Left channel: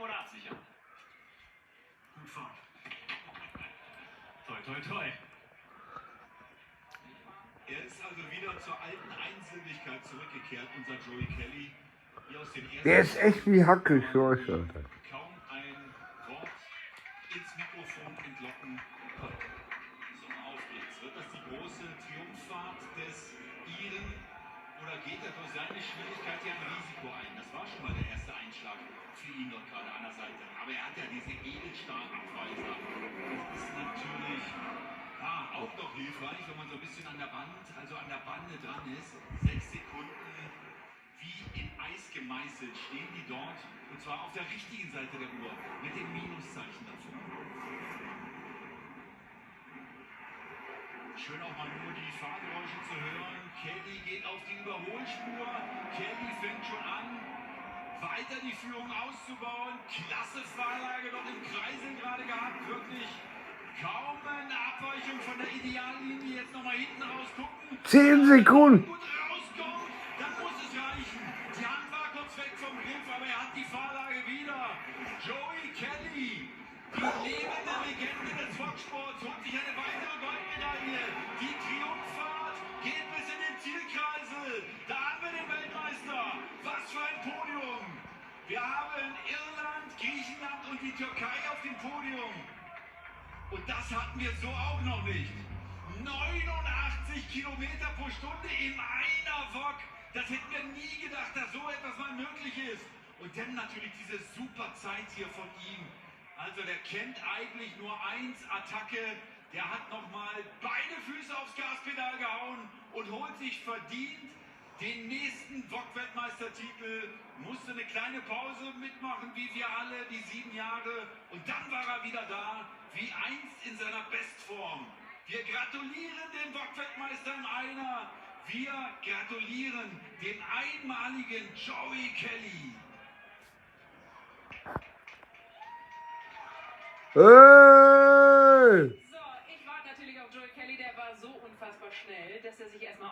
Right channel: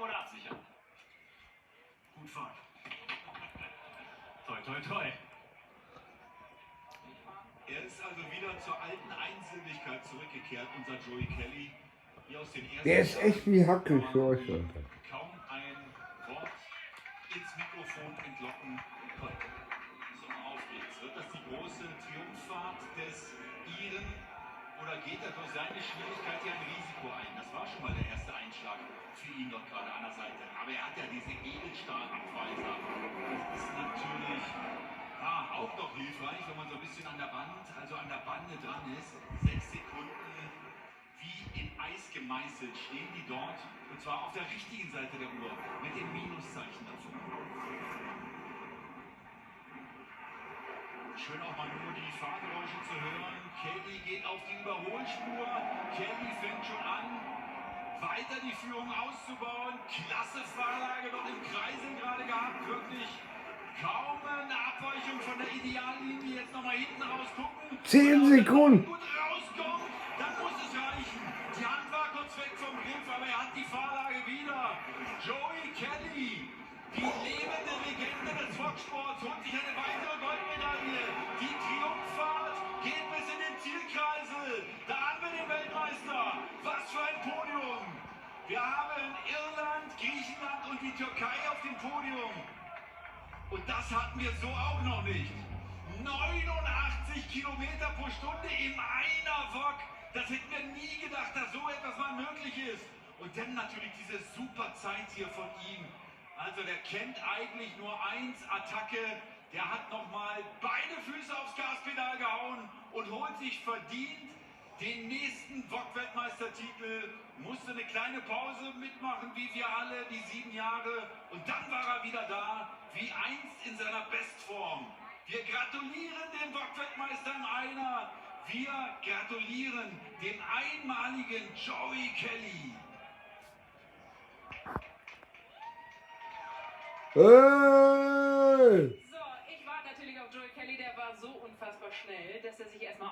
stoppen oder absichern. Gut fahren. Toi, toi, toi. Er ist also wieder zur alten Einsilbigkeit zurückgekehrt, unser Joey Kelly. Hier aus den ersten Der ist echt wie Hackelschorsch. kaum ein Wort ins Mikrofon entlocken konnte. So, auf geht's. Wird das die große Triumphfahrt des Iren oder geht er durch seine Schwierigkeit hier ein Risiko ein? Das war schon mal der erste Einschlag für ihn dort gerade an der Seite. Aber er hat ja diese Edelstahlabweiser. Das ist natürlich auch noch hilfreich, wenn man so ein bisschen an der Bande dran ist. 6 Sekunden wie in Eis gemeißelt stehen die dort. Und zwar auf der richtigen Seite der Uhr mit dem Minuszeichen davor. Schön auch mal nur die Fahrgeräusche zu hören. Kelly geht auf die Überholspur. Kelly fängt schon an, weiter die Führung auszubauen. Klasse Fahrlage dort im Kreisel gerade gehabt. Wirklich kaum eine Abweichung von der Ideallinie. Jetzt nochmal hinten raus gucken. 10 Sekunden. Gut rauskommt, dann muss es reichen. Die Hand war kurz weg vom Griff, aber er hat die Fahrlage wieder. Joey Kelly, die lebende Legende des Foxsports, holt sich eine weitere Goldmedaille. Die Triumphfahrt geht bis in den Zielkreisel. Da haben wir den Weltmeister. Was für ein Podium. Wir haben Irland, Griechenland und die Türkei auf dem Podium. Und das hatten wir so auch noch nicht. 89 Kilometer pro Stunde in einer Wok. Das hätten wir nie gedacht, dass so etwas mal möglich ist. Und dann natürlich diese super Zeit hier von ihm. Also der kennt eigentlich nur eins, Attacke. Der hat nochmal beide Füße aufs Gaspedal gehauen und holt sich verdient den nächsten Wok-Weltmeistertitel. Musste eine kleine Pause mitmachen, wie wir alle, die 7 Jahre. Und dann war er wieder da, wie einst in seiner Bestform. Wir gratulieren dem Wok-Weltmeister im Einer. Wir gratulieren dem einmaligen Joey Kelly. Hey! So, ich warte natürlich auf Joey Kelly, der war so unfassbar schnell, dass er sich erstmal